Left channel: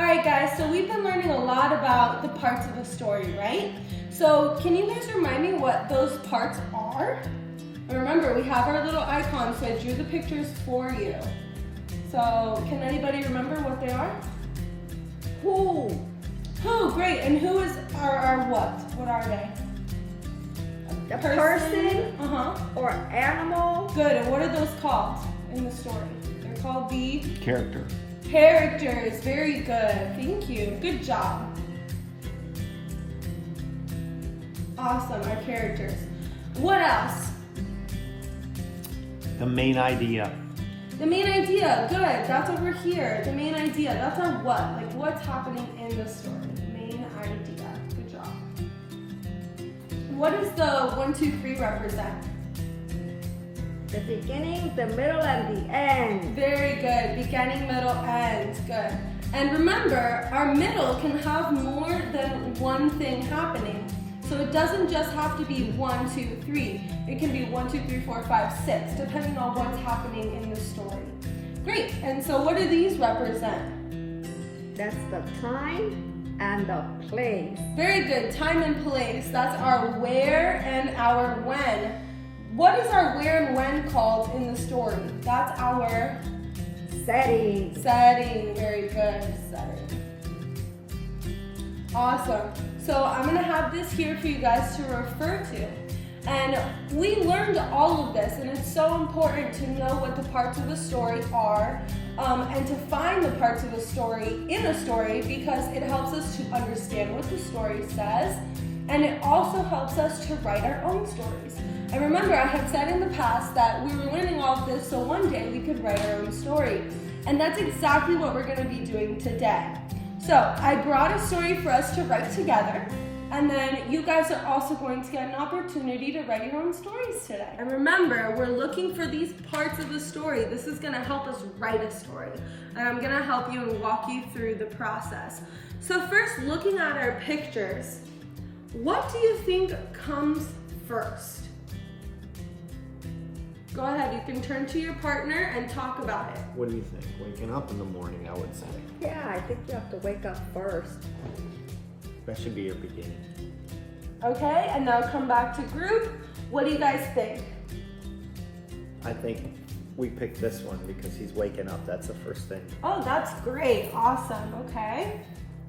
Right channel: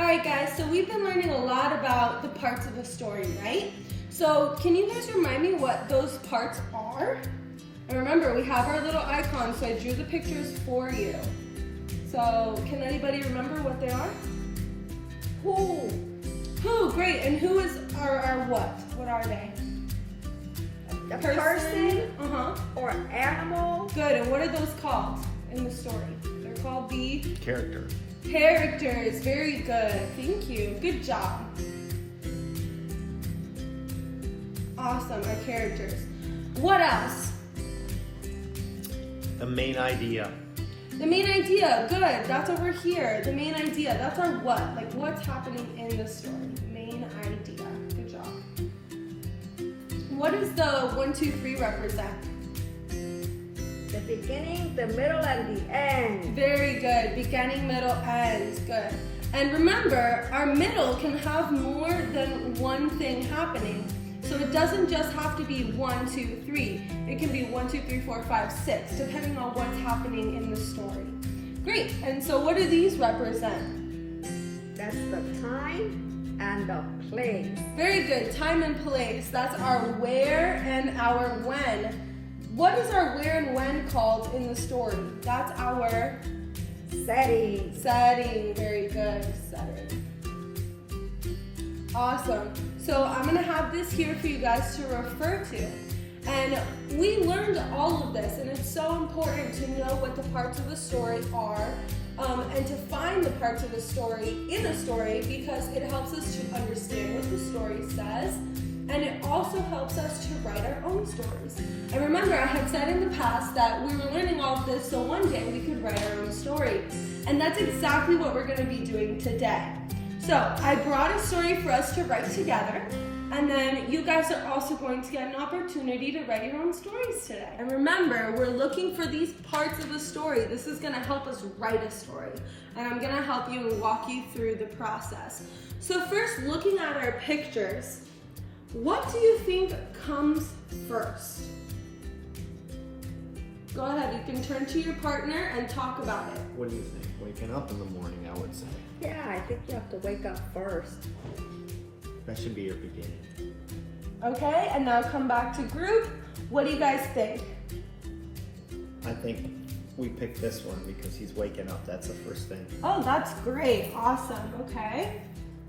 All right, guys, so we've been learning a lot about the parts of a story, right? So can you guys remind me what those parts are? And remember, we have our little icons, so I drew the pictures for you. So can anybody remember what they are? Who? Who, great, and who is our what? What are they? A person Uh-huh. or animal. Good, and what are those called in the story? They're called the Character. characters. Very good, thank you, good job. Awesome, our characters. What else? The main idea. The main idea, good, that's over here. The main idea, that's our what, like what's happening in the story. Main idea, good job. What does the 1, 2, 3 represent? The beginning, the middle, and the end. Very good, beginning, middle, end, good. And remember, our middle can have more than one thing happening. So it doesn't just have to be 1, 2, 3. It can be 1, 2, 3, 4, 5, 6, depending on what's happening in the story. Great, and so what do these represent? That's the time and the place. Very good, time and place. That's our where and our when. What is our where and when called in the story? That's our Setting. setting. Very good, setting. Awesome. So I'm gonna have this here for you guys to refer to. And we learned all of this, and it's so important to know what the parts of the story are and to find the parts of the story in a story, because it helps us to understand what the story says, and it also helps us to write our own stories. And remember, I had said in the past that we were learning all of this so one day we could write our own story. And that's exactly what we're gonna be doing today. So I brought a story for us to write together, and then you guys are also going to get an opportunity to write your own stories today. And remember, we're looking for these parts of the story. This is gonna help us write a story, and I'm gonna help you and walk you through the process. So first, looking at our pictures, what do you think comes first? Go ahead, you can turn to your partner and talk about it. What do you think? Waking up in the morning, I would say. Yeah, I think you have to wake up first. That should be your beginning. Okay, and now come back to group. What do you guys think? I think we picked this one because he's waking up. That's the first thing. Oh, that's great, awesome, okay.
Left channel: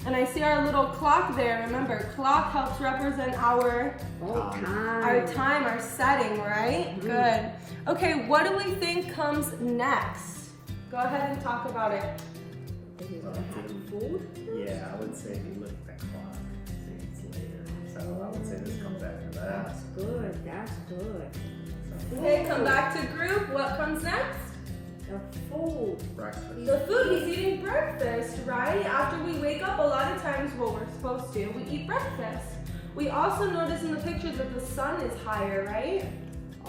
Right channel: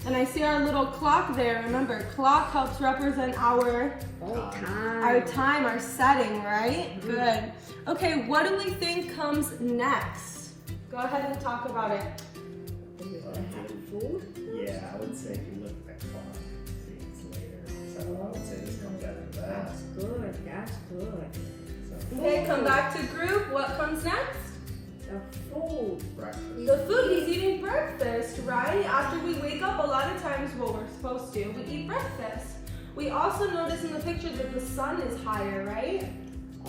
And I see our little clock there. Remember, clock helps represent our time, our setting, right? Mm-hmm. Good. Okay, what do we think comes next? Go ahead and talk about it. Food? Yeah, I would say if you look at the clock, see it's later. So I would say this comes after that. That's good, that's good. Okay, come back to group. What comes next? The food. Breakfast. The food, he's eating breakfast, right? After we wake up, a lot of times what we're supposed to, we eat breakfast. We also notice in the picture that the sun is higher, right?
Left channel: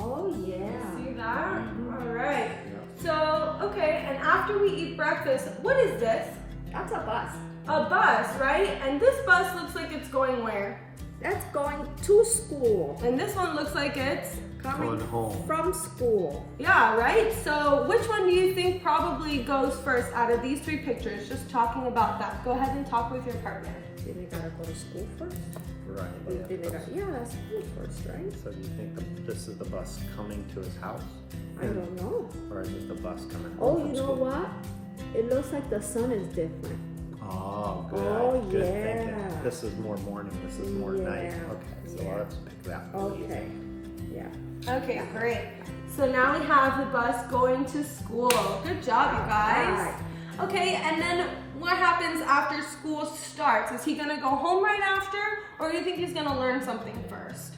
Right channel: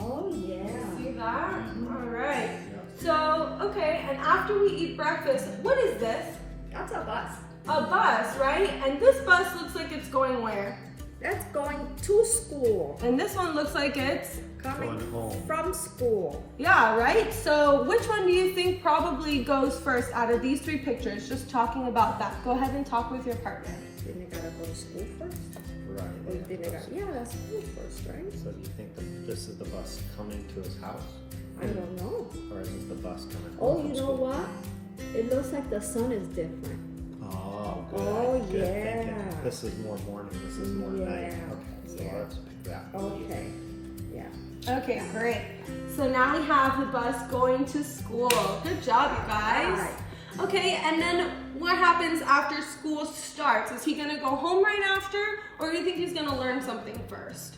Oh yeah. See that? All right. So, okay, and after we eat breakfast, what is this? That's a bus. A bus, right? And this bus looks like it's going where? That's going to school. And this one looks like it's Coming Going home. from school. yeah, right? So which one do you think probably goes first out of these three pictures? Just talking about that. Go ahead and talk with your partner. Then you gotta go to school first? Right. Or you think yeah, that's school first, right? So do you think this is the bus coming to his house? I don't know. Or is this the bus coming home Oh, from you know school? what? It looks like the sun is different. Oh, good. Oh, Good yeah. thinking. This is more morning, this is more night. Yeah. Okay, so Yeah. let's pick that. Okay. Yeah. Okay, great. So now we have the bus going to school. Good job, you guys. Okay, and then what happens after school starts? Is he gonna go home right after, or do you think he's gonna learn something first?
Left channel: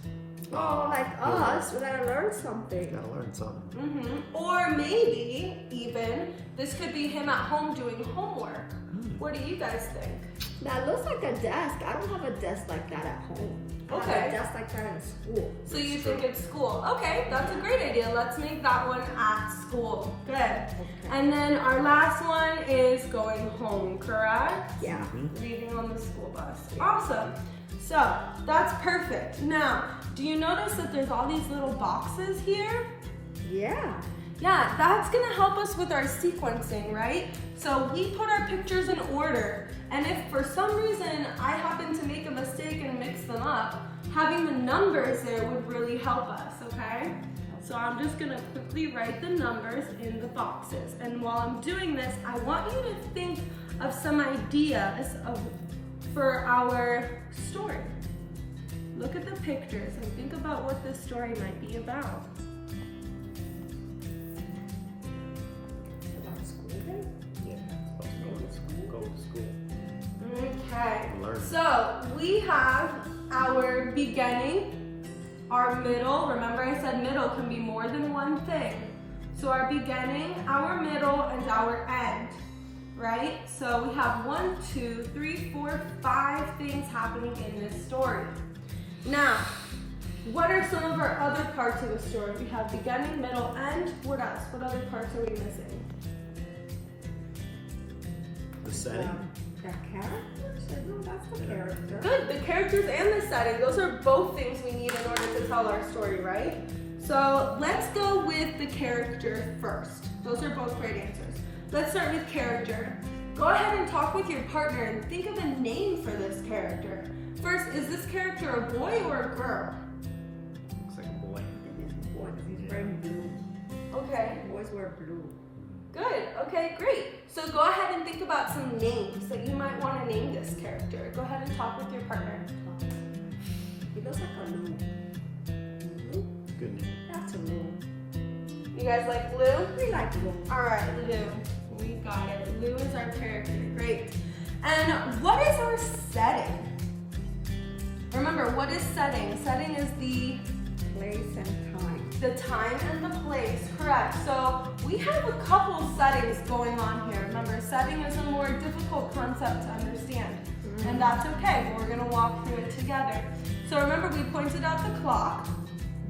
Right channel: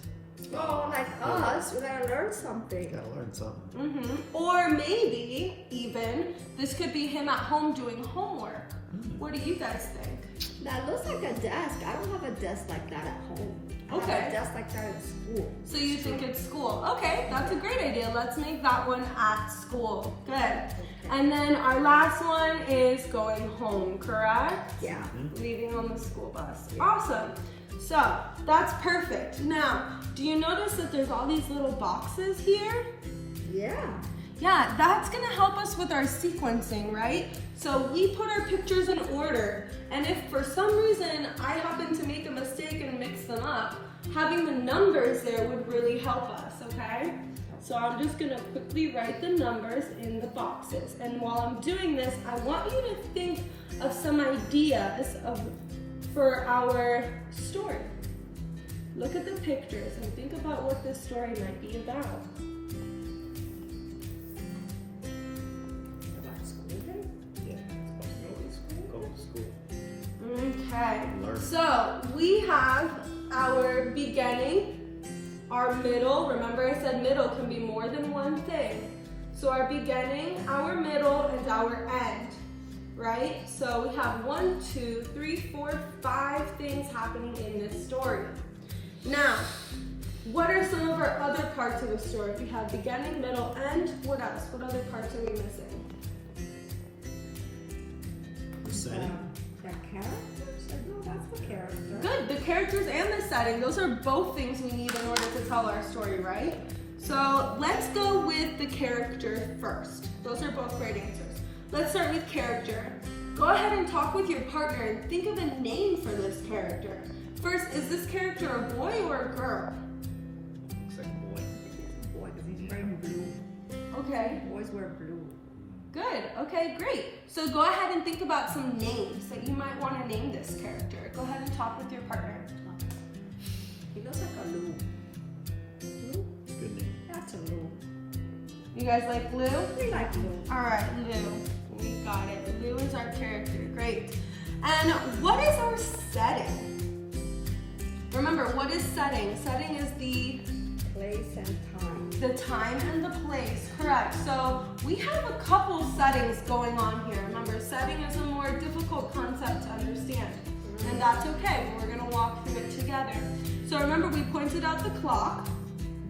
Oh, like us, we gotta learn something. Gotta learn something. Or maybe even this could be him at home doing homework. What do you guys think? That looks like a desk. I don't have a desk like that at home. I have Okay. a desk like that in school. So you think it's school? Okay, that's a great idea. Let's make that one at school. Good. And then our last one is going home, correct? Yeah. Leaving on the school bus. Awesome. So that's perfect. Now, do you notice that there's all these little boxes here? Yeah. Yeah, that's gonna help us with our sequencing, right? So we put our pictures in order, and if for some reason I happen to make a mistake and mix them up, having the numbers there would really help us, okay? So I'm just gonna quickly write the numbers in the boxes. And while I'm doing this, I want you to think of some ideas for our story. Look at the pictures and think about what this story might be about. About school day? Yeah, it's about go to school. Okay, Learn. so we have our beginning, our middle. Remember I said middle can be more than one thing. So our beginning, our middle, and our end, right? So we have 1, 2, 3, 4, 5 things happening in this story. Now, what are some of our other parts of a story? We have beginning, middle, end. What else? What other parts are we missing? The setting. That character? No, that's the character. Good, the characters and the setting. Those are both things we need in order to tell our story, right? So let's go with the character first. Those are both great answers. Let's start with character. Go ahead and talk with your partner and think of a name for this character. First, is this character a boy or a girl? It's like a boy. I think he's a boy because he's wearing blue. Okay, Boys wear blue. good. Okay, great. So go ahead and think about some names that you might want to name this character. Go ahead and talk with your partner. He looks like a Lou. Lou? Good name. That's a Lou. You guys like Lou? We like Lou. All right, Lou. We got it. Lou is our character. Great. And what is our setting? Remember, what is setting? Setting is the Place and time. time and the place. Correct. So we have a couple settings going on here. Remember, setting is a more difficult concept to understand. And that's okay. We're going to walk through it together. So remember, we pointed out the clock,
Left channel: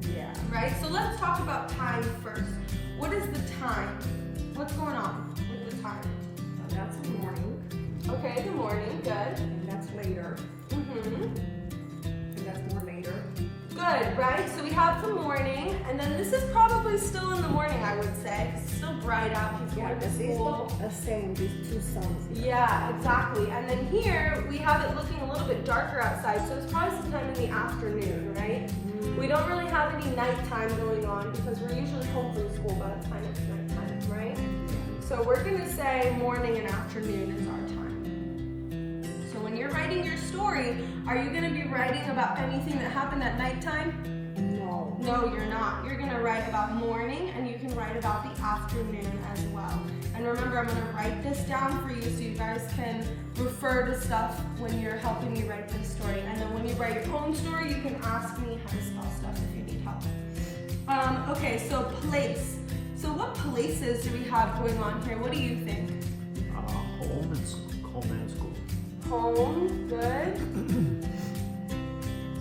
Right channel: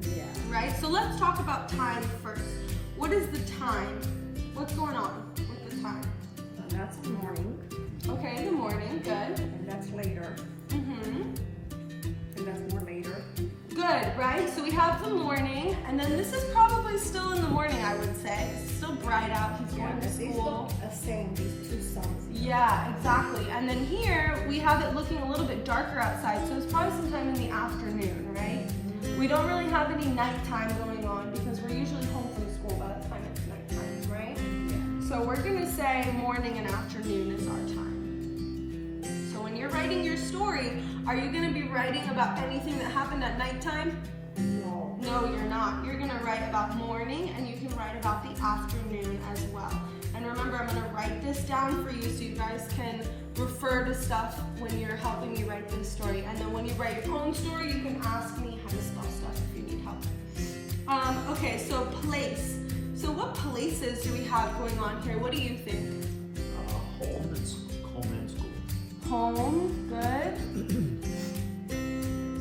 Yeah. right? So let's talk about time first. What is the time? What's going on with the time? That's morning. Okay, the morning, good. And that's later. Mm-hmm. And that's more later. Good, right? So we have the morning, and then this is probably still in the morning, I would say. It's still bright out. He's Yeah, going to because these school. look the same, these two suns. Yeah, exactly. And then here, we have it looking a little bit darker outside, so it's probably sometime in the afternoon, right? We don't really have any nighttime going on because we're usually home from school by the time it's nighttime, right? So we're gonna say morning and afternoon is our time. So when you're writing your story, are you gonna be writing about anything that happened at nighttime? No. No, you're not. You're gonna write about morning, and you can write about the afternoon as well. And remember, I'm gonna write this down for you so you guys can refer to stuff when you're helping me write this story. And then when you write your own story, you can ask me how to spell stuff if you need help. Okay, so place. So what places do we have going on here? What do you think? Home and school. Home, good.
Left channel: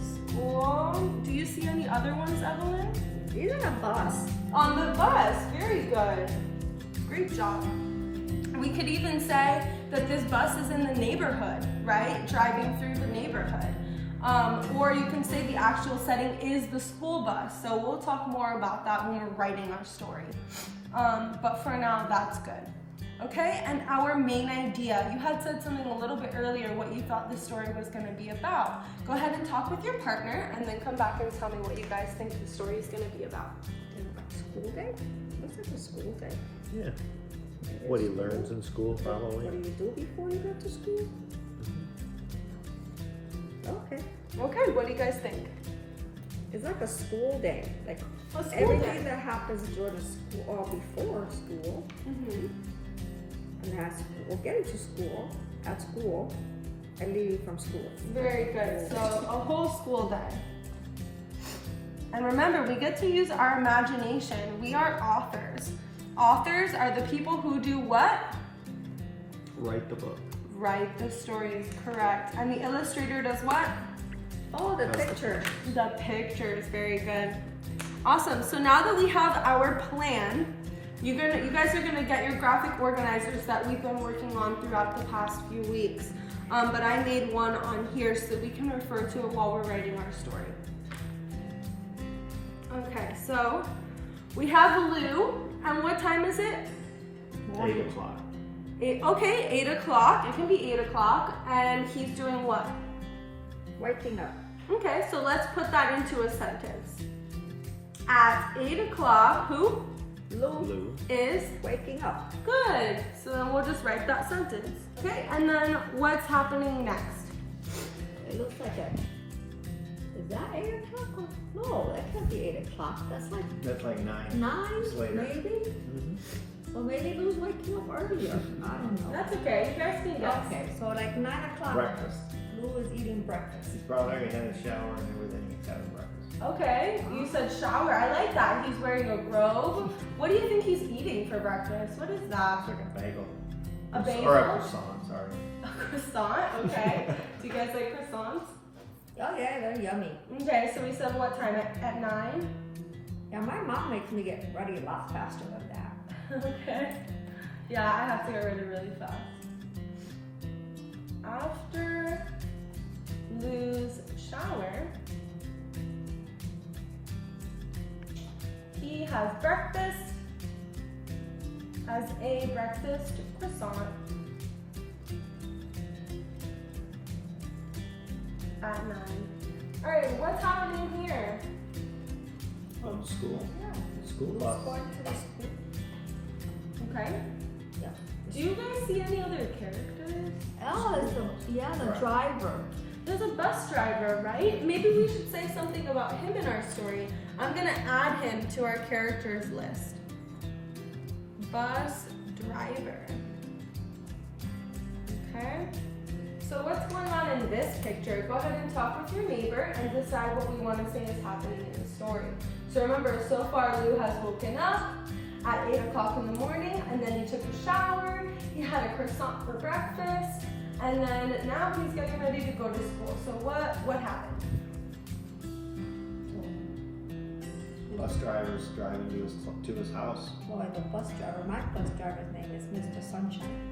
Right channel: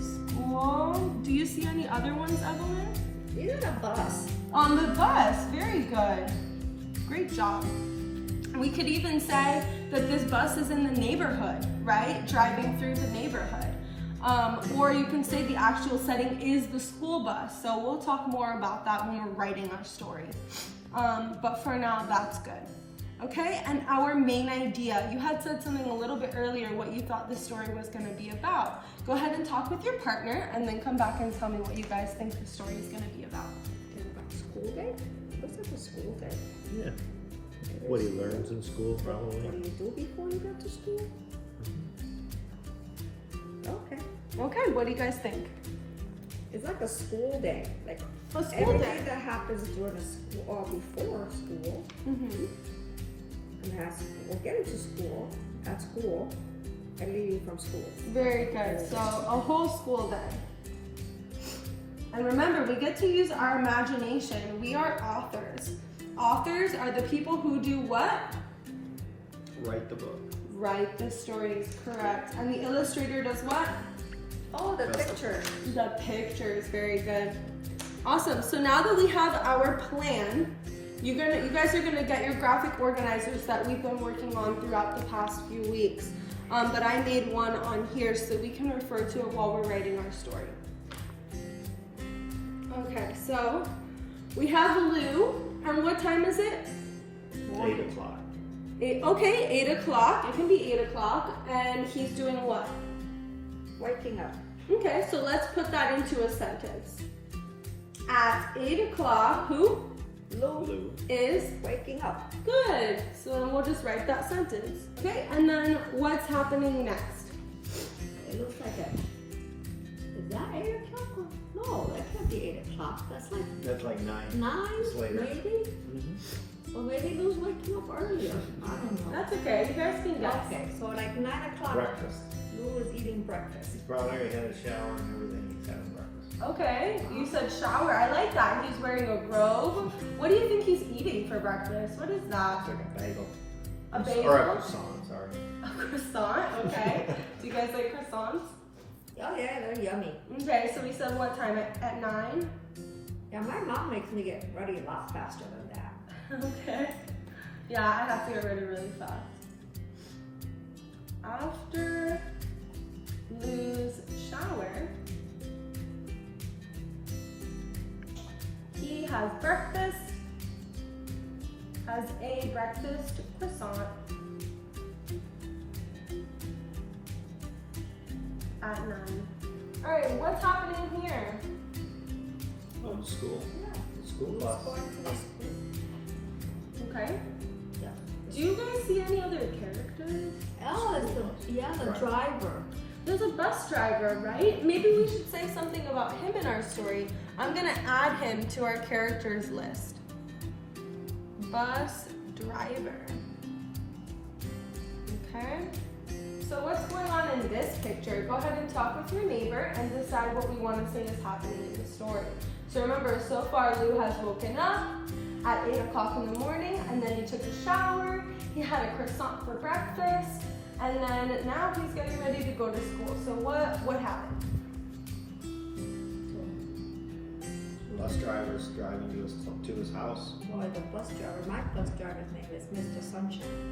School. Do you see any other ones, Evelyn? Even a bus. On the bus, very good. Great job. We could even say that this bus is in the neighborhood, right? Driving through the neighborhood. Or you can say the actual setting is the school bus. So we'll talk more about that when we're writing our story. But for now, that's good. Okay, and our main idea. You had said something a little bit earlier what you thought the story was going to be about. Go ahead and talk with your partner and then come back and tell me what you guys think the story is going to be about. School day? Looks like a school day. Yeah. What he learns in school, probably. What do you do before you get to school? Okay. Okay, what do you guys think? It's like a school day. Like A school everything day. that happens during the school or before school. Mm-hmm. And as we're getting to school, at school, and leaving from school. Very good. So a whole school day. And remember, we get to use our imagination. We are authors. Authors are the people who do what? Write the book. Write the stories, correct. And the illustrator does what? Oh, the picture. The pictures, very good. Awesome, so now that we have our plan, you guys are gonna get your graphic organizers that we've been working on throughout the past few weeks. But I made one on here so we can refer to it while we're writing our story. Okay, so we have Lou, And what time is it? 8 o'clock. Okay, 8 o'clock. It can be 8 o'clock. And he's doing what? Waking up. Okay, so let's put that into a sentence. At 8 o'clock, who Lou. is Waking up. good? So then we'll just write that sentence. Okay, and then what's happening next? It looks like a. Is that 8 o'clock? No, that can't be 8 o'clock. That's like 9. 9, It's later. maybe? Mm-hmm. Or maybe Lou's waking up earlier. I don't know. That's okay, you guys can guess. Okay, so like 9 o'clock. Breakfast. Lou is eating breakfast. He's probably had a shower and everything. He's having breakfast. Okay, you said shower. I like that. He's wearing a robe. What do you think he's eating for breakfast? What is that? It's like a bagel. A bagel? Or a croissant, sorry. A croissant? Okay. Do you guys like croissants? Oh yeah, they're yummy. Okay, so we said what time? At 9? Yeah, my mom makes me get ready a lot faster than that. Okay. Yeah, I have to get ready really fast. After Lou's shower, he has breakfast, has a breakfast croissant at 9. All right, what's happening here? School. Yeah. School Lou's bus. going to the school. Okay. Yeah. Do you guys see any other characters? Oh, it's the Right. driver. There's a bus driver, right? Maybe we should say something about him in our story. I'm gonna add him to our characters list. Bus driver. Okay. So what's going on in this picture? Go ahead and talk with your neighbor and decide what we want to say is happening in the story. So remember, so far Lou has woken up at 8 o'clock in the morning, and then he took a shower, he had a croissant for breakfast, and then now he's getting ready to go to school. So what happened? Bus driver's driving to his house. Well, the bus driver, my bus driver's name is Mr. Sunshine.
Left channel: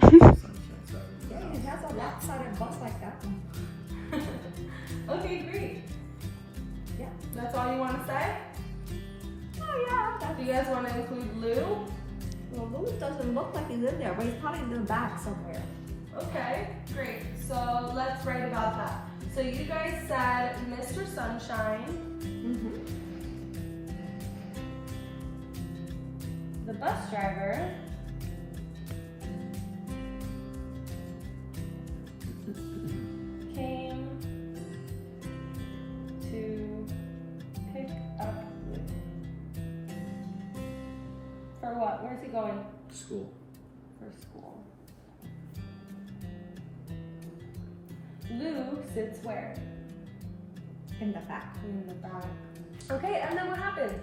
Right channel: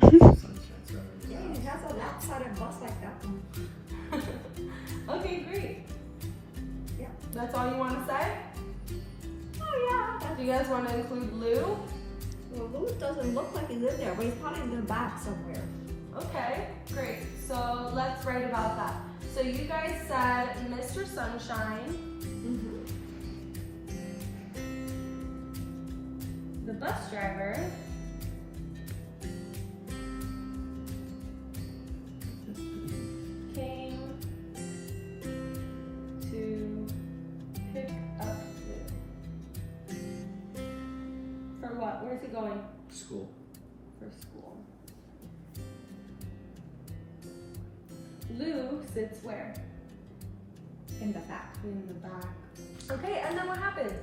Sunshine Yeah, Saturday. he has a lopsided bus like that one. Okay, great. Yeah. That's all you want to say? Oh yeah. Do you guys want to include Lou? Well, Lou doesn't look like he's in there, but he's probably in the back somewhere. Okay, great. So let's write about that. So you guys said Mr. Sunshine, the bus driver, came to pick up Lou. For what? Where's he going? School. For school. Lou sits where? In the back. In the back. Okay, and then what happened?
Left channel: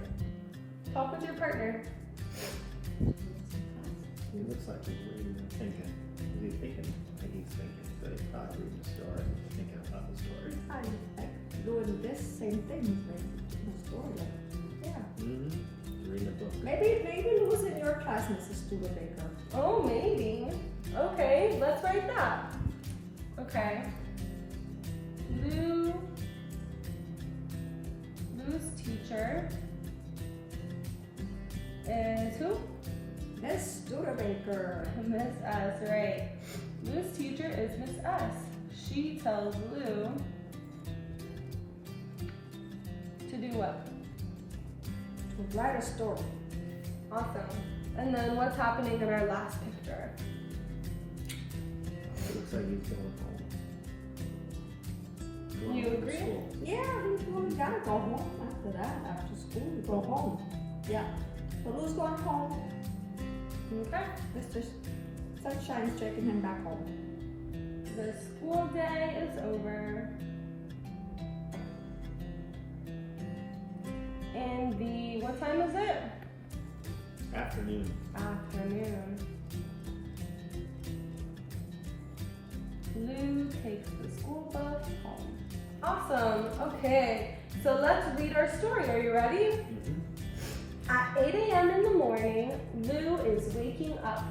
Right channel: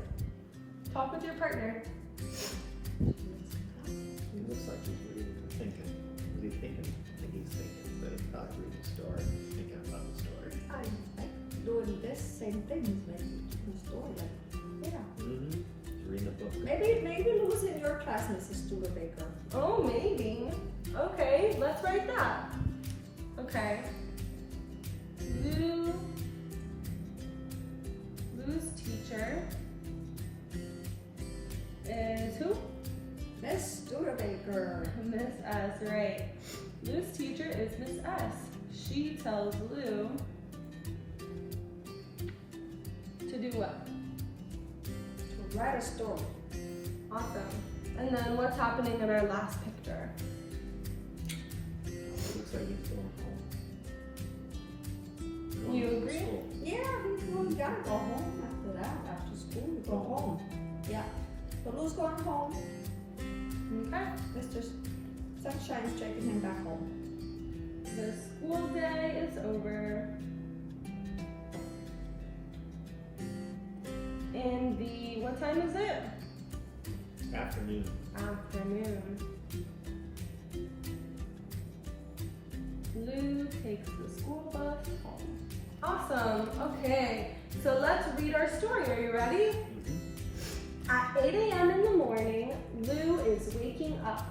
Talk with your partner. He looks like he's reading and thinking. Is he thinking? I think he's thinking, but it's not reading the story. He's thinking about the story. I like doing this same thing with the story. Yeah. Mm-hmm. Reading the book. Maybe Lou's in your class, Mrs. Studebaker. Oh, maybe. Okay, let's write that. Okay. Lou's teacher is who? Miss Studebaker. Miss S, right. Lou's teacher is Miss S. She tells Lou to do what? To write a story. Awesome. And then what's happening in our last picture? It looks like he's going home. You Going to agree? school. Yeah, we gotta go home after that. After school, we go home. Yeah. So Lou's going home. Okay. Mr. Sunshine's taking him back home. The school day is over. And what time is it? Afternoon. Afternoon. Lou takes the school bus home. Awesome. Okay. So let's read our story. Are you ready? Mm-hmm. At 8 a.m. in the morning, Lou is waking up.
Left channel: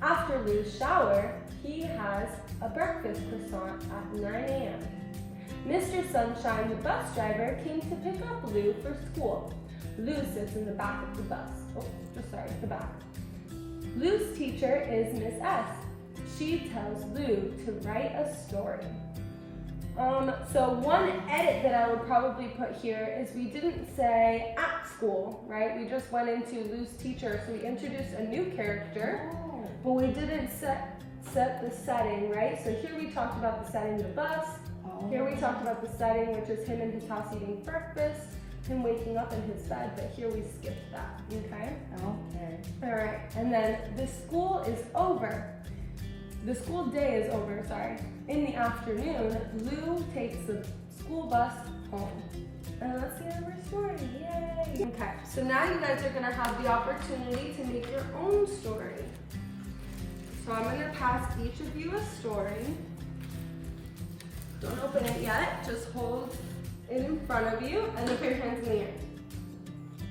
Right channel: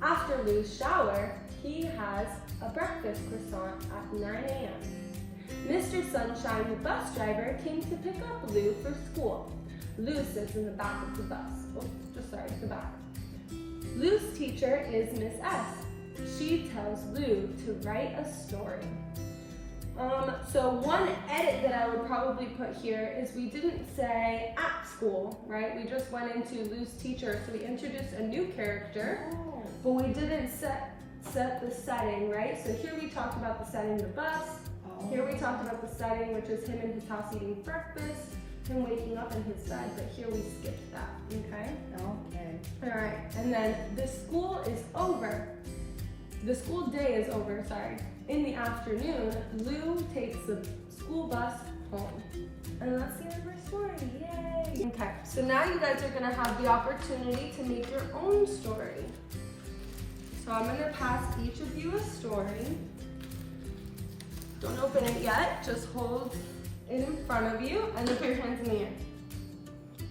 After Lou's shower, he has a breakfast croissant at 9 a.m. Mr. Sunshine, the bus driver, came to pick up Lou for school. Lou sits in the back of the bus. The back. Lou's teacher is Miss S. She tells Lou to write a story. So one edit that I would probably put here is we didn't say at school, right? We just went into Lou's teacher, so we introduced a new character, but we didn't set the setting, right? So here we talked about the setting, the bus. Here we talked about the setting, which is him in his house eating breakfast, him waking up in his bed, but here we skipped that, okay? Okay. All right, and then the school is over. The school day is over, sorry. In the afternoon, Lou takes the school bus home. And that's the end of our story, yay! Okay, so now you guys are gonna have the opportunity to make your own story. So I'm gonna pass each of you a story. Don't open it yet, just hold it in front of you and then put your hands in the air.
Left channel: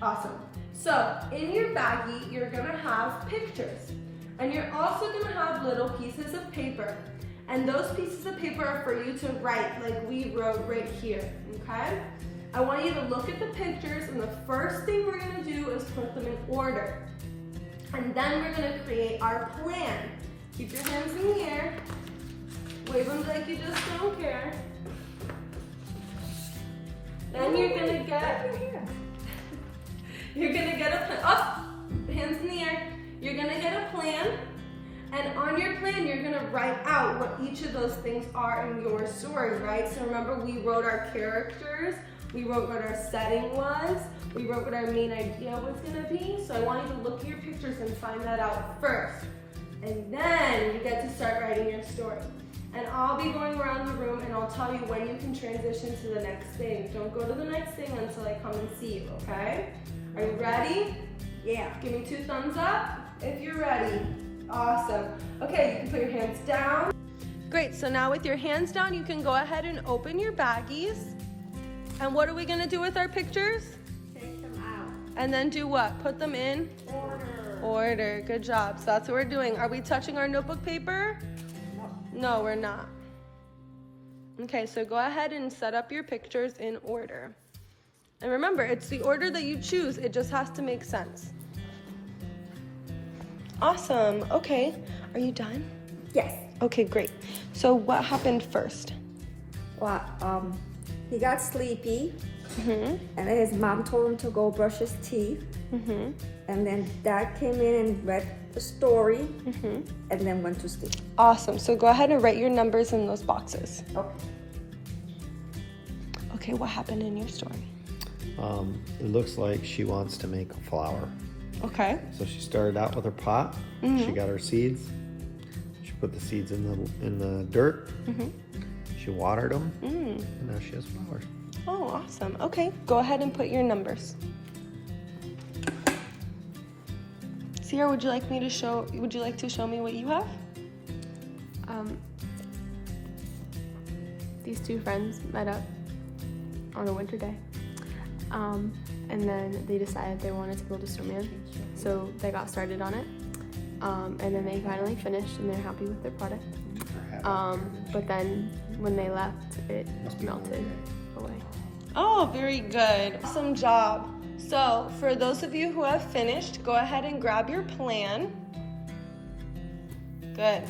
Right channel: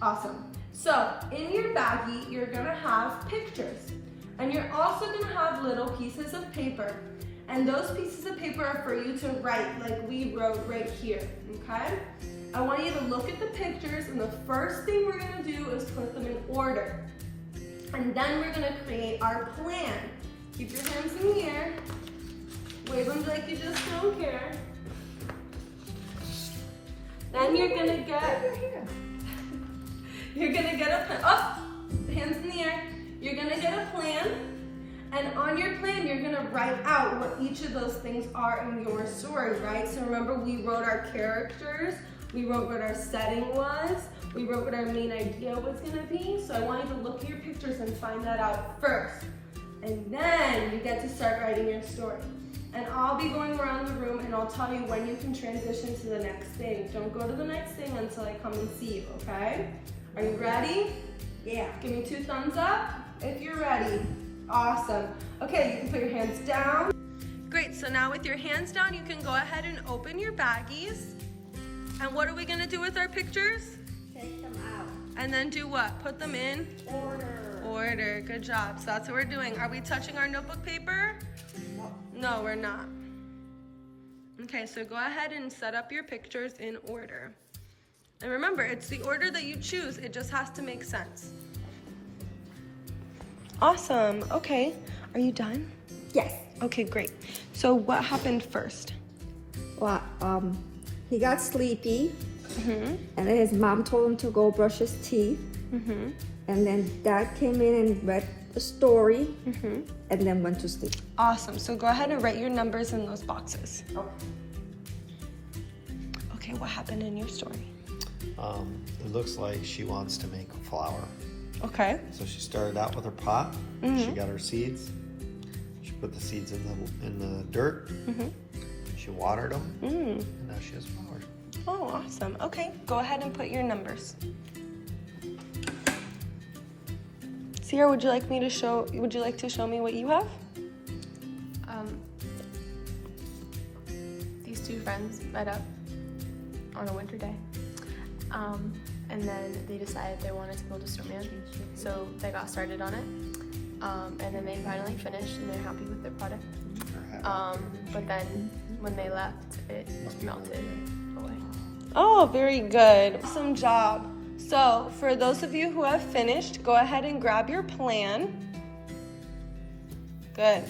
Awesome. So in your baggie, you're gonna have pictures. And you're also gonna have little pieces of paper. And those pieces of paper are for you to write like we wrote right here, okay? I want you to look at the pictures, and the first thing we're gonna do is put them in order. And then we're gonna create our plan. Keep your hands in the air. Wave them like you just don't care. Then you're gonna get a plan. Oh, hands in the air. You're gonna get a plan, and on your plan, you're gonna write out what each of those things are in your story, right? So remember, we wrote our characters, we wrote what our setting was, we wrote what our main idea was gonna be. So I want you to look at your pictures and find that out first. And then you get to start writing your story. And I'll be going around the room and I'll tell you when you can transition to the next thing. Don't go to the next thing until I come and see you, okay? Are you ready? Yeah, give me 2 thumbs up if you're ready. Awesome. Okay, you can put your hands down. Great, so now with your hands down, you can go ahead and open your baggies. And what are we gonna do with our pictures? Take them out. And then do what? Put them in? Order, good job. So that's what we're doing. Are we touching our notebook paper? No, we're not. Okay, so go ahead and set up your pictures in order. And remember, it's the order that you choose. It just has to make sense. Awesome, okay. Are you done? Yes. Okay, great. So what happened first? Well, he got sleepy, Mm-hmm. and then his mom told him to go brush his teeth. Mm-hmm. And then Dad came in and read the story, Mm-hmm. and then went to sleep. Awesome, so go ahead and write your numbers in those boxes. Okay, what happened in your story? It looks like she wants to make a flower. Okay. So she started out with her pot. Mm-hmm. She got her seeds. She put the seeds in the dirt. Mm-hmm. She watered them. Mm. And now she has flowers. Oh, awesome. Okay, go ahead and put your numbers. Sierra, would you like to show me what you have? These 2 friends met up on a winter day. And then they decided they wanted to build a snowman, so they got started on it. And then they finally finished, and they're happy with their product. But then when they left, it melted away. Oh, very good. Awesome job. So for those of you who have finished, go ahead and grab your plan. Good.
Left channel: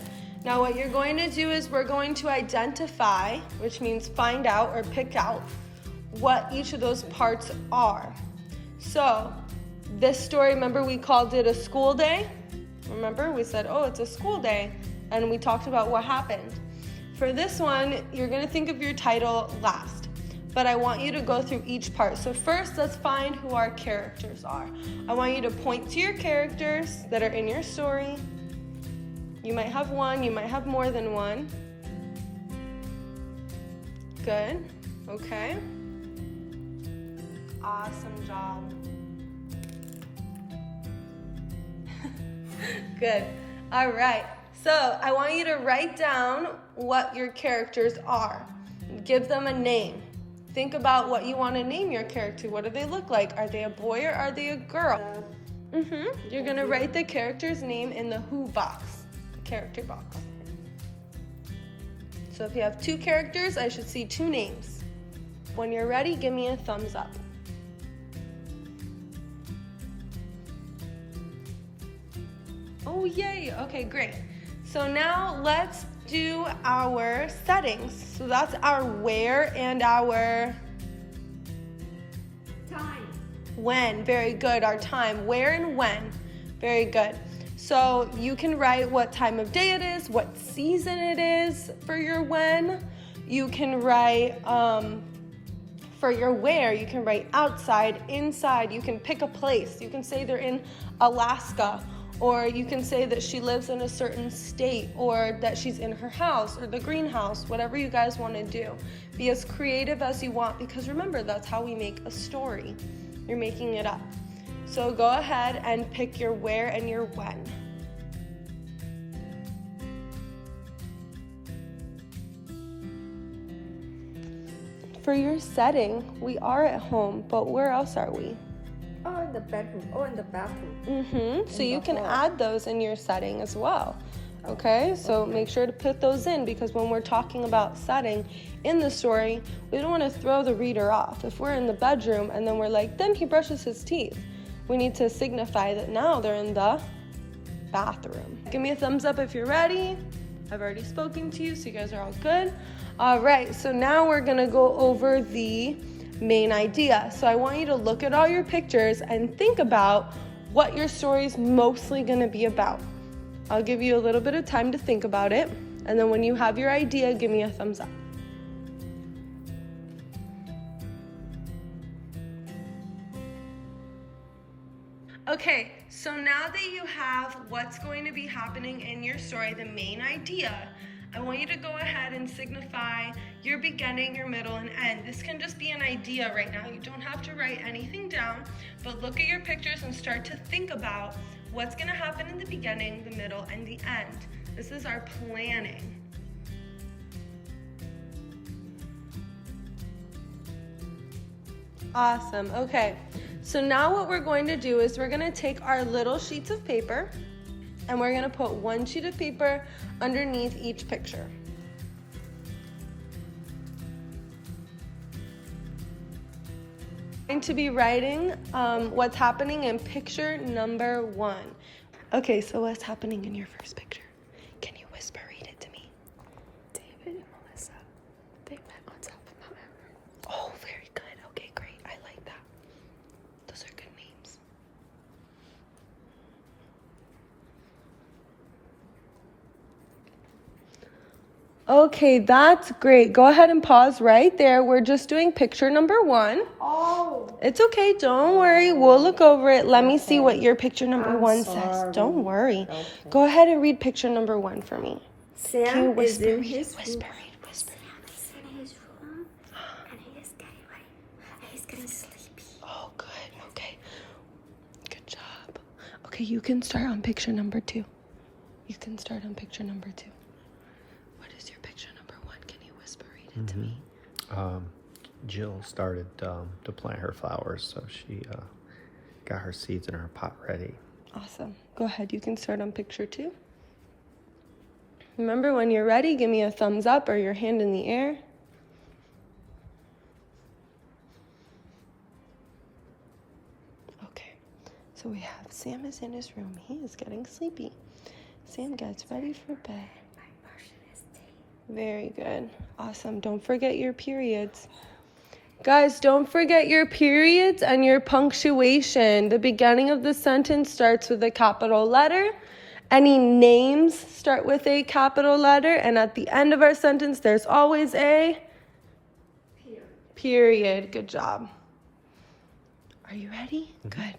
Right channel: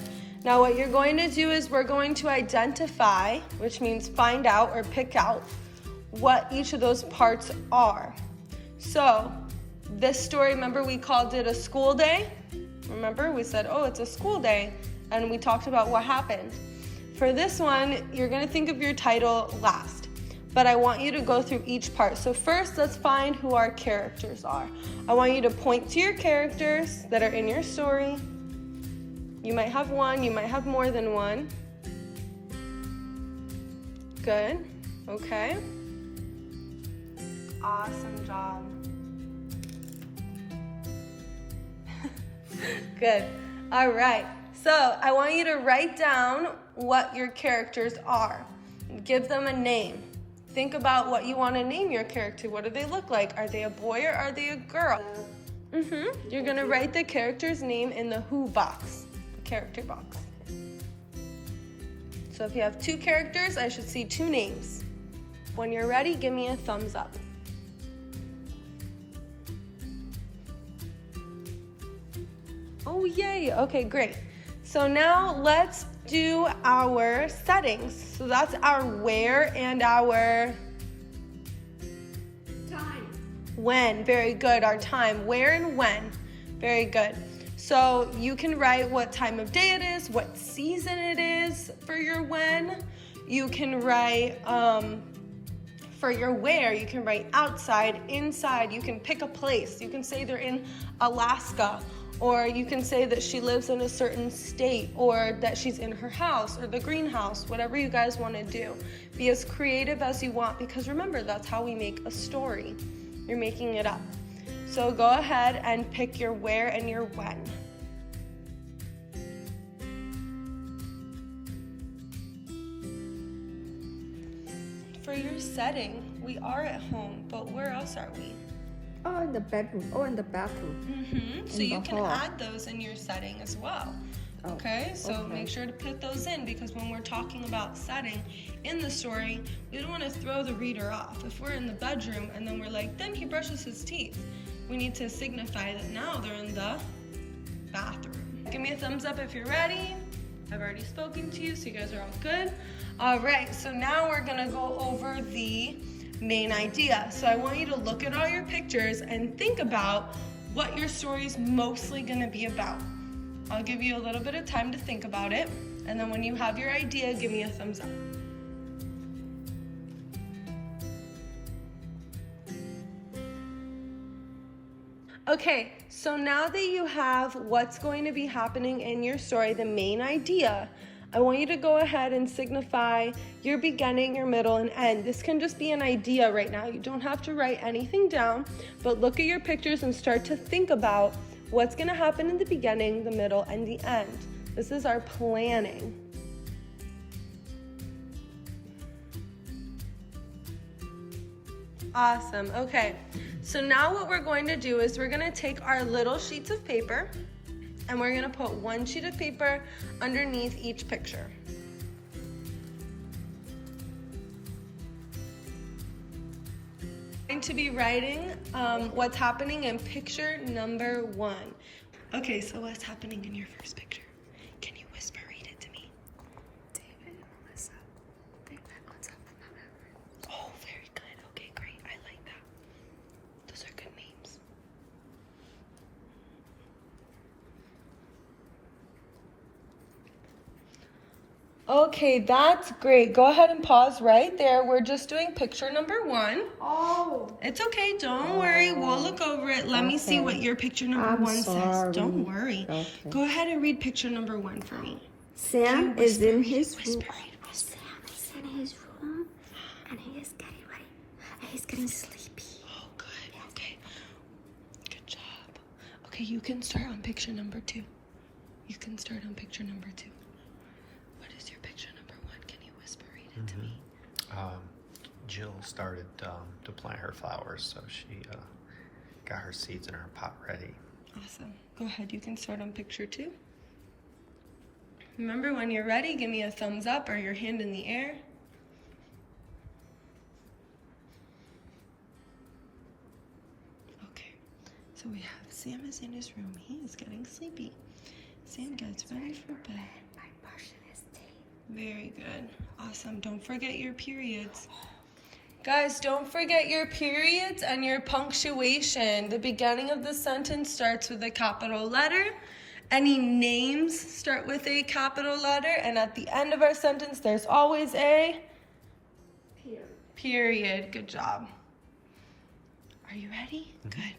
Now what you're going to do is we're going to identify, which means find out or pick out what each of those parts are. So this story, remember we called it a school day? Remember we said, oh, it's a school day, and we talked about what happened. For this one, you're gonna think of your title last, but I want you to go through each part. So first, let's find who our characters are. I want you to point to your characters that are in your story. You might have one, you might have more than one. Good, okay. Awesome job. Good. All right. So I want you to write down what your characters are. Give them a name. Think about what you want to name your character. What do they look like? Are they a boy or are they a girl? You're going to write the character's name in the who box, the character box. So if you have 2 characters, I should see 2 names. When you're ready, give me a thumbs up. Oh, yay. Okay, great. So now let's do our settings. So that's our where and our Time. when. Very good. Our time, where and when. Very good. So you can write what time of day it is, what season it is for your when. You can write for your where, you can write outside, inside. You can pick a place. You can say they're in Alaska, or you can say that she lives in a certain state, or that she's in her house or the greenhouse, whatever you guys want to do. Be as creative as you want, because remember, that's how we make a story. You're making it up. So go ahead and pick your where and your when. For your setting, we are at home, but where else are we? Oh, in the bedroom or in the bathroom. So you can add those in your setting as well. Okay, so make sure to put those in, because when we're talking about setting in the story, we don't want to throw the reader off. If we're in the bedroom and then we're like, then he brushes his teeth, we need to signify that now they're in the bathroom. Give me a thumbs up if you're ready. I've already spoken to you, so you guys are all good. All right, so now we're gonna go over the main idea. So I want you to look at all your pictures and think about what your story is mostly gonna be about. I'll give you a little bit of time to think about it, and then when you have your idea, give me a thumbs up. Okay, so now that you have what's going to be happening in your story, the main idea, I want you to go ahead and signify your beginning, your middle, and end. This can just be an idea right now. You don't have to write anything down, but look at your pictures and start to think about what's gonna happen in the beginning, the middle, and the end. This is our planning. Awesome, okay. So now what we're going to do is we're gonna take our little sheets of paper and we're gonna put one sheet of paper underneath each picture. I'm going to be writing what's happening in picture number 1. Okay, so what's happening in your first picture? Can you whisper read it to me? David and Melissa, they met on top of Mount Everest. Oh, very good. Okay, great. I like that. Those are good names. Okay, that's great. Go ahead and pause right there. We're just doing picture number 1. Oh. It's okay, don't worry. We'll look over it. Let me see what your picture number 1 says. Don't worry. Okay. Go ahead and read picture number 1 for me. Sam is in his room. Whisper. He's in his room, and he is getting ready. And he's getting sleepy. Oh, good. Okay. Good job. Okay, you can start on picture number 2. You can start on picture number 2. What is your picture number 1? Can you whisper read it to me? Jill started to plant her flowers, so she got her seeds in her pot ready. Awesome. Go ahead. You can start on picture 2. Remember, when you're ready, give me a thumbs up or your hand in the air. Okay. So we have Sam is in his room. He is getting sleepy. Sam gets ready for bed. Very good. Awesome. Don't forget your periods. Guys, don't forget your periods and your punctuation. The beginning of the sentence starts with a capital letter. Any names start with a capital letter. And at the end of our sentence, there's always a period. Good job. Are you ready? Good.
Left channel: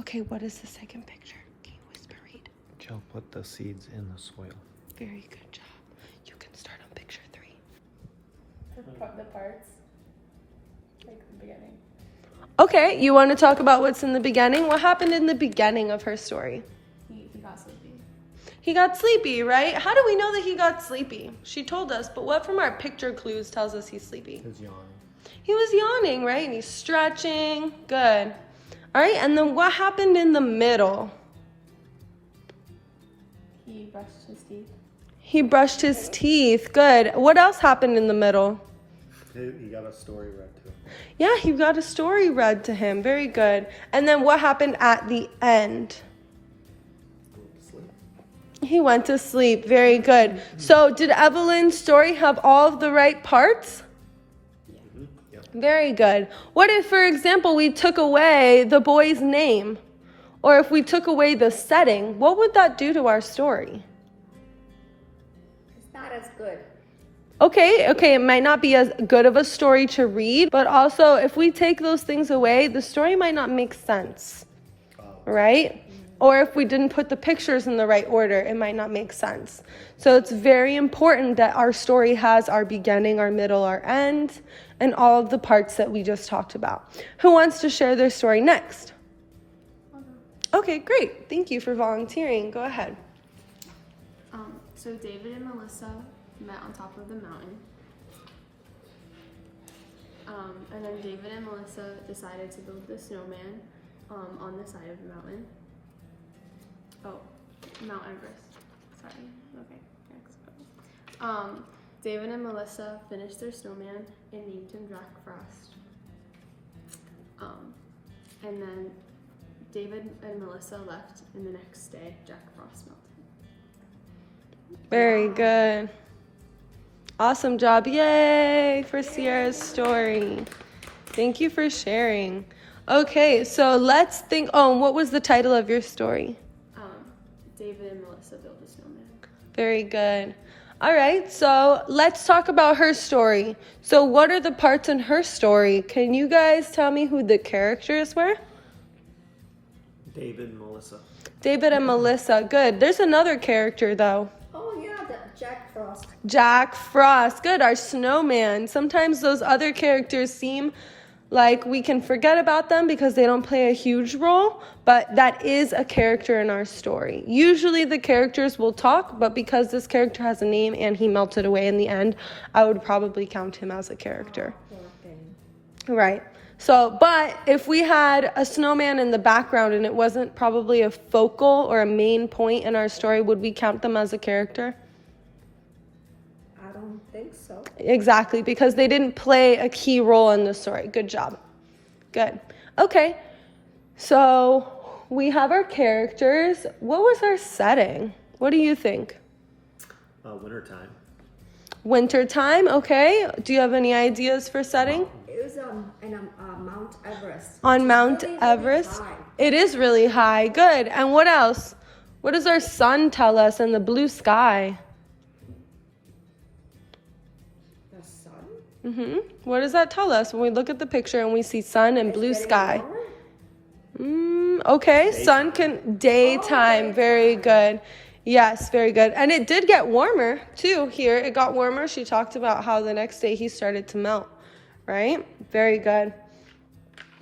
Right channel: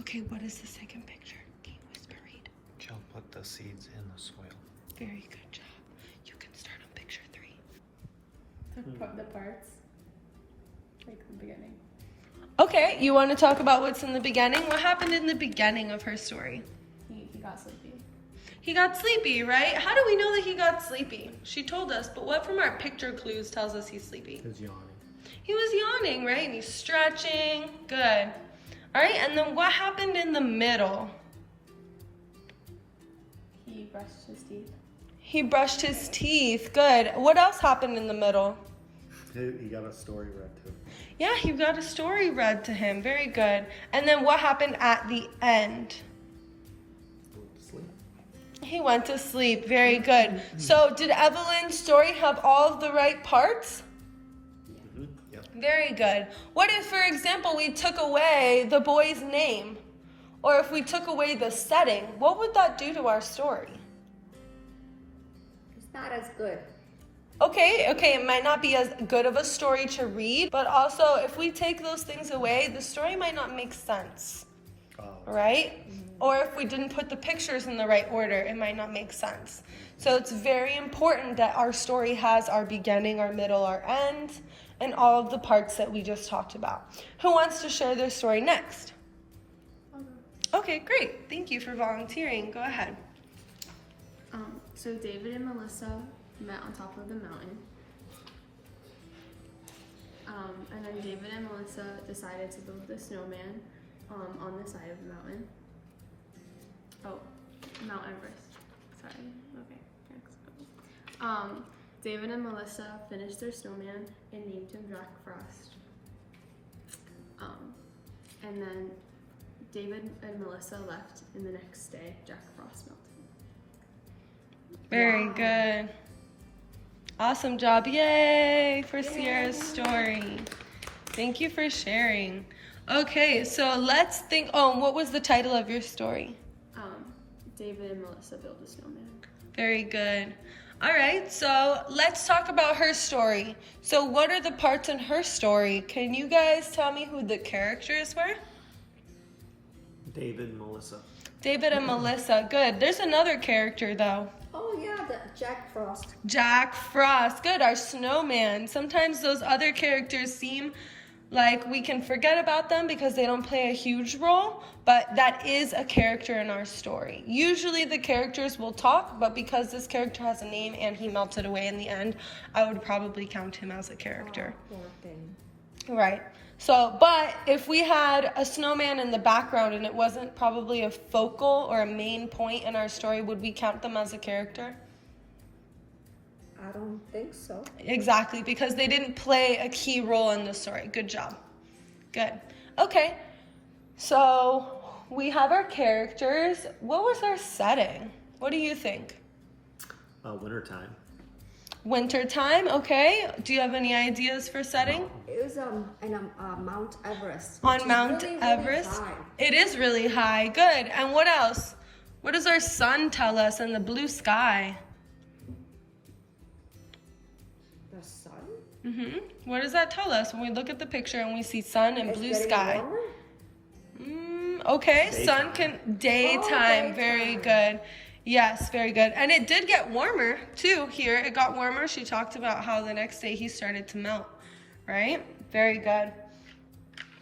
Okay, what is the second picture? Can you whisper read? Jill put the seeds in the soil. Very good job. You can start on picture 3. The parts, like the beginning. Okay, you want to talk about what's in the beginning? What happened in the beginning of her story? He got sleepy. He got sleepy, right? How do we know that he got sleepy? She told us, but what from our picture clues tells us he's sleepy? He was yawning. He was yawning, right? And he's stretching. Good. All right, and then what happened in the middle? He brushed his teeth. He brushed his teeth. Good. What else happened in the middle? He got a story read to him. Yeah, he got a story read to him. Very good. And then what happened at the end? He went to sleep. He went to sleep. Very good. So did Evelyn's story have all of the right parts? Yep. Very good. What if, for example, we took away the boy's name? Or if we took away the setting, what would that do to our story? It's not as good. Okay, it might not be as good of a story to read, but also if we take those things away, the story might not make sense, right? Or if we didn't put the pictures in the right order, it might not make sense. So it's very important that our story has our beginning, our middle, our end, and all of the parts that we just talked about. Who wants to share their story next? Okay, great. Thank you for volunteering. Go ahead. So David and Melissa met on top of the mountain. And then David and Melissa decided to build the snowman on the side of the mountain. Oh, Mount Everest. Sorry. Okay, next. David and Melissa finished their snowman and named him Jack Frost. And then David and Melissa left, and the next day Jack Frost melted. Very good. Awesome job. Yay for Sierra's story. Thank you for sharing. Okay, so let's think. Oh, and what was the title of your story? David and Melissa built a snowman. Very good. All right, so let's talk about her story. So what are the parts in her story? Can you guys tell me who the characters were? David and Melissa. David and Melissa. Good. There's another character, though. Oh yeah, the Jack Frost. Jack Frost. Good, our snowman. Sometimes those other characters seem like we can forget about them because they don't play a huge role, but that is a character in our story. Usually the characters will talk, but because this character has a name and he melted away in the end, I would probably count him as a character. Oh, poor thing. Right. So, but if we had a snowman in the background and it wasn't probably a focal or a main point in our story, would we count them as a character? I don't think so. Exactly, because they didn't play a key role in the story. Good job. Good. Okay, so we have our characters. What was our setting? What do you think? Wintertime. Wintertime, okay. Do you have any ideas for setting? It was on Mount Everest. On Mount Really, really Everest? high. It is really high. Good. And what else? What does our sun tell us in the blue sky? The sun? What does that tell us when we look at the picture and we see sun and blue Getting sky? warmer? Okay, sun can daytime. Very good. Yes, very good. And it did get warmer too here. It got warmer. She talked about how the next day he started to melt, right? Very good.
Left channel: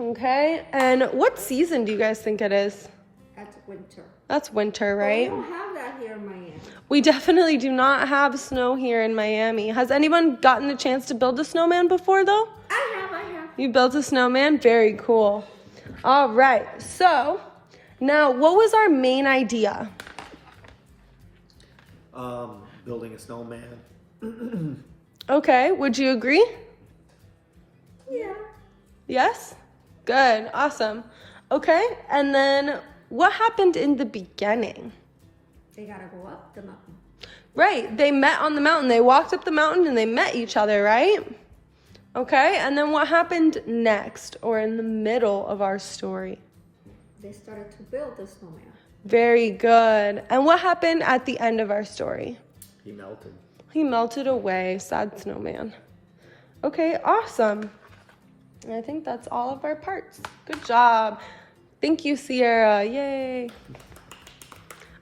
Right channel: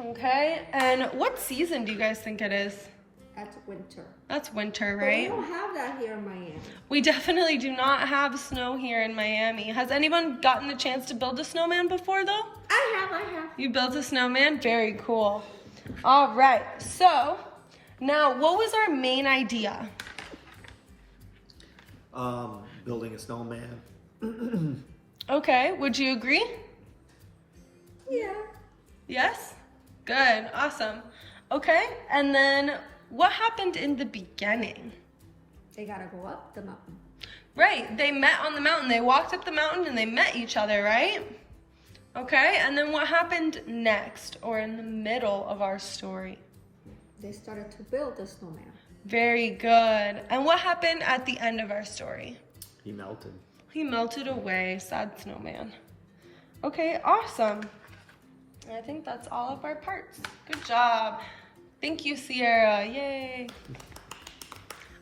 Okay, and what season do you guys think it is? At winter. That's winter, Well, right? we don't have that here in Miami. We definitely do not have snow here in Miami. Has anyone gotten a chance to build a snowman before though? I have. You built a snowman? Very cool. All right, so now what was our main idea? Building a snowman. Okay, would you agree? Yeah. Yes? Good, awesome. Okay, and then what happened in the beginning? They gotta go up the mountain. Right, they met on the mountain. They walked up the mountain and they met each other, right? Okay, and then what happened next or in the middle of our story? They started to build the snowman. Very good. And what happened at the end of our story? He melted. He melted away, sad snowman. Okay, awesome. And I think that's all of our parts. Good job. Thank you, Sierra. Yay.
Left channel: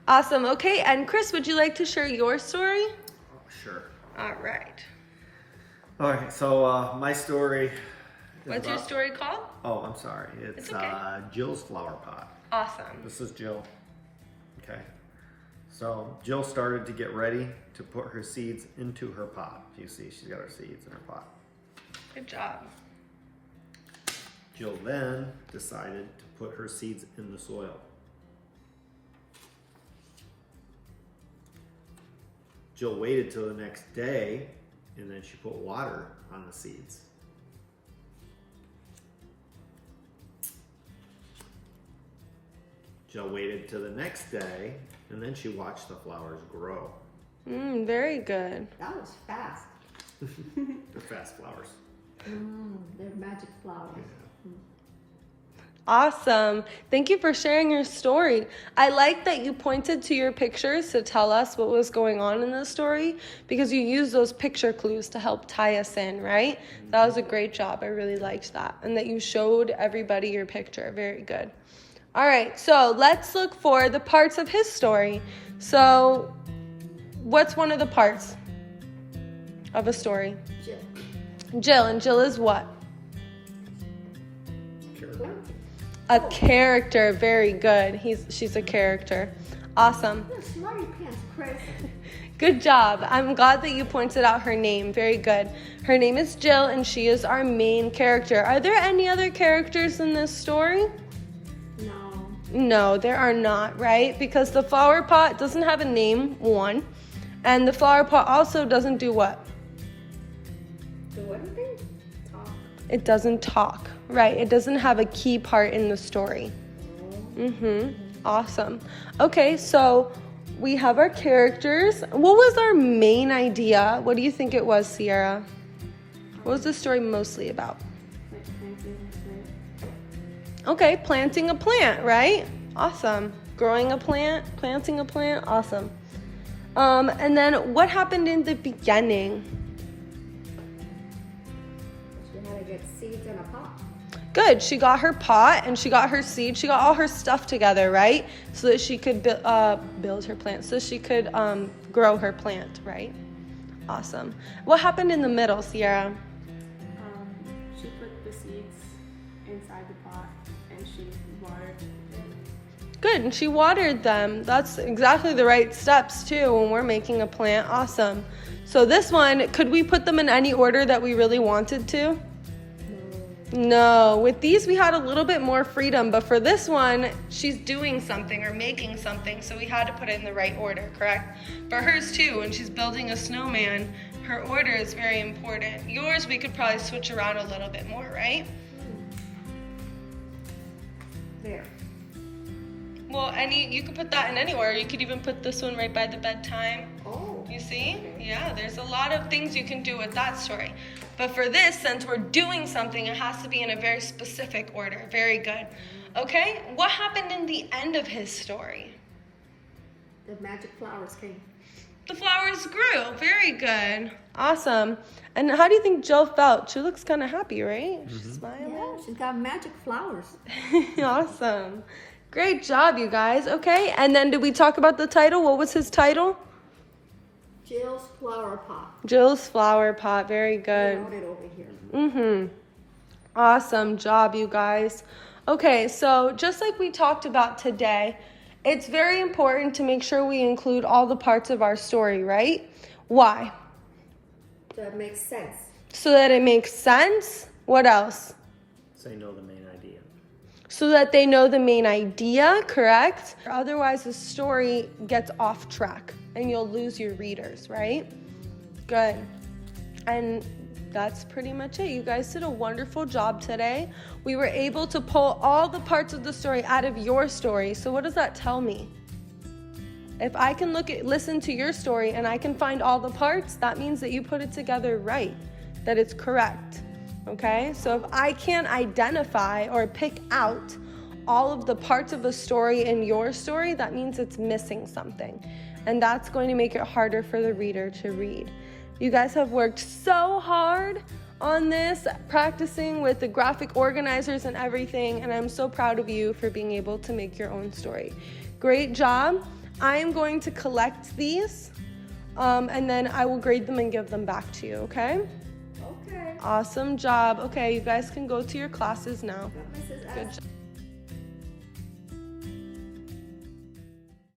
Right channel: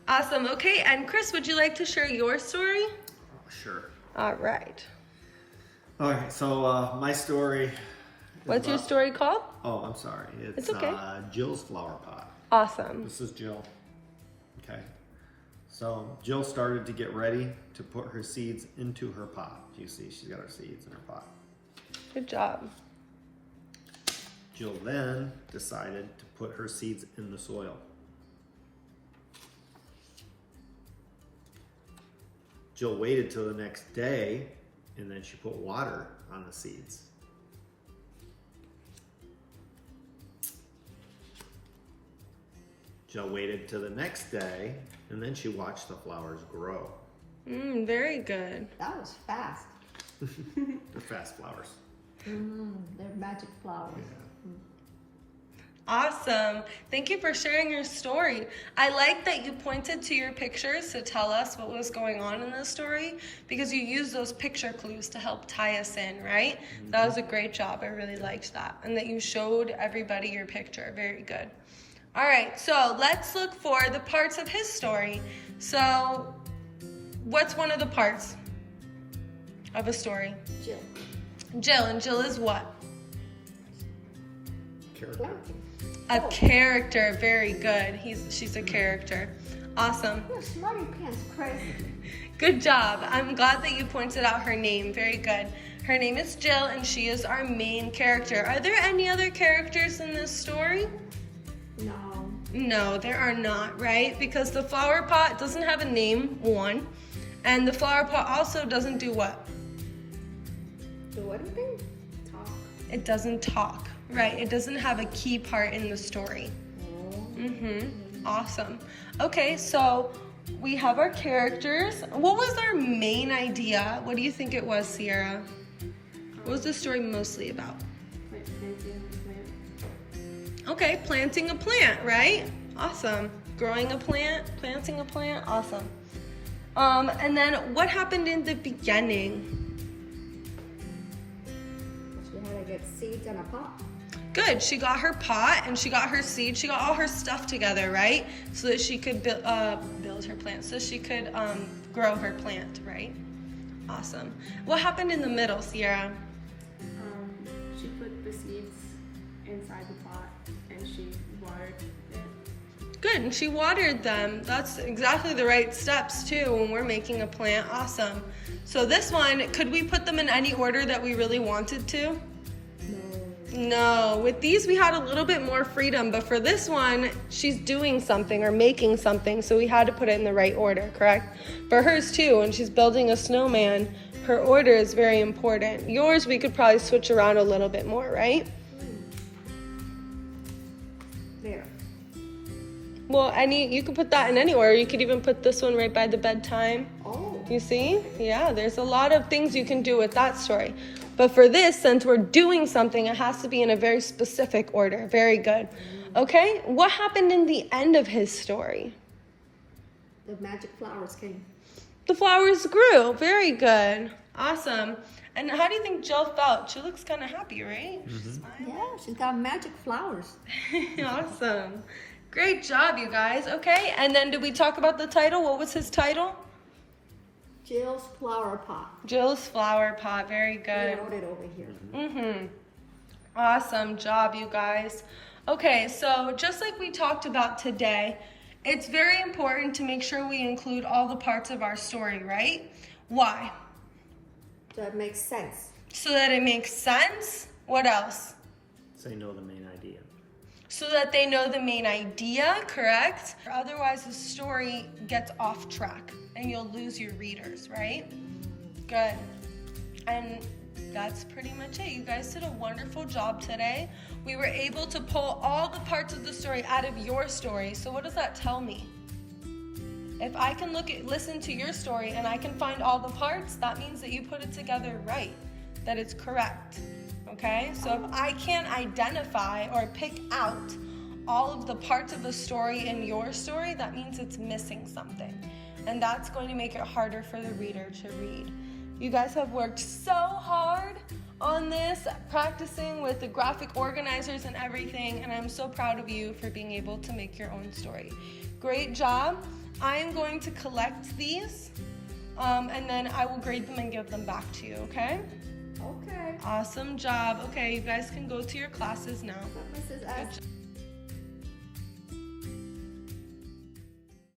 Awesome. Okay, and Chris, would you like to share your story? Sure. All right. All right, so my story. What's your story called? Oh, I'm sorry. It's okay. Jill's flower pot. Awesome. This is Jill. Okay. So Jill started to get ready to put her seeds into her pot. You see, she's got her seeds in her pot. Good job. Jill then decided to put her seeds in the soil. Jill waited till the next day and then she put water on the seeds. Jill waited till the next day, and then she watched the flowers grow. Very good. That was fast. They're fast flowers. They're magic flowers. Yeah. Awesome. Thank you for sharing your story. I like that you pointed to your pictures to tell us what was going on in the story, because you used those picture clues to help tie us in, right? That was a great job. I really liked that. And that you showed everybody your picture. Very good. All right, so let's look for the parts of his story. So what's one of the parts of a story? Jill. Jill. And Jill is what? Character. A character. Very good. She's a character. Awesome. You're smarty pants, Chris. Good job. I'm glad that you pointed out her name. Very good. Her name is Jill, and she is our main character. Are there any other characters in this story? No. No, there are not, right? Because the flower pot doesn't have a name, one. And the flower pot also doesn't do what? So what did they talk? It doesn't talk, right? It doesn't have a key part in the story. Awesome. Okay, so we have our characters. What was our main idea? What do you think it was, Sierra? What was the story mostly about? Okay, planting a plant, right? Awesome. Growing a plant, planting a plant, awesome. And then what happened in the beginning? She had to get seeds in a pot. Good, she got her pot and she got her seed. She got all her stuff together, right? So that she could build her plant, so she could grow her plant, right? Awesome. What happened in the middle, Sierra? She put the seeds inside the pot and she watered it. Good, and she watered them. That's exactly the right steps too when we're making a plant. Awesome. So this one, could we put them in any order that we really wanted to? No, with these we had a little bit more freedom, but for this one, she's doing something or making something, so we had to put it in the right order, correct? For hers too, when she's building a snowman, her order is very important. Yours, we could probably switch around a little bit more, right? There. Well, you could put that in any order. You could even put this one right by the bedtime. Oh. You see? Yeah, there's a lot of things you can do with that story. But for this, since we're doing something, it has to be in a very specific order. Very good. Okay, what happened in the end of his story? The magic flowers came. The flowers grew. Very good. Awesome. And how do you think Jill felt? She looks kind of happy, right? She's smiling. Yeah, she's got magic flowers. Awesome. Great job, you guys. Okay, and then did we talk about the title? What was his title? Jill's flower pot. Jill's flower pot. Very I good. wrote it over here. Awesome job, you guys. Okay, so just like we talked about today, it's very important to make sure we include all the parts of our story, right? Why? That makes sense. So that it makes sense. What else? So you know the main idea. So that they know the main idea, correct? Otherwise, the story gets off track and you'll lose your readers, right? Good. And that's pretty much it. You guys did a wonderful job today. We were able to pull all the parts of the story out of your story. So what does that tell me? If I can listen to your story and I can find all the parts, that means that you put it together right, that it's correct. Okay, so if I can't identify or pick out all of the parts of a story in your story, that means it's missing something. And that's going to make it harder for the reader to read. You guys have worked so hard on this, practicing with the graphic organizers and everything, and I'm so proud of you for being able to make your own story. Great job. I am going to collect these, and then I will grade them and give them back to you, okay? Okay. Awesome job. Okay, you guys can go to your classes now. Mrs. S.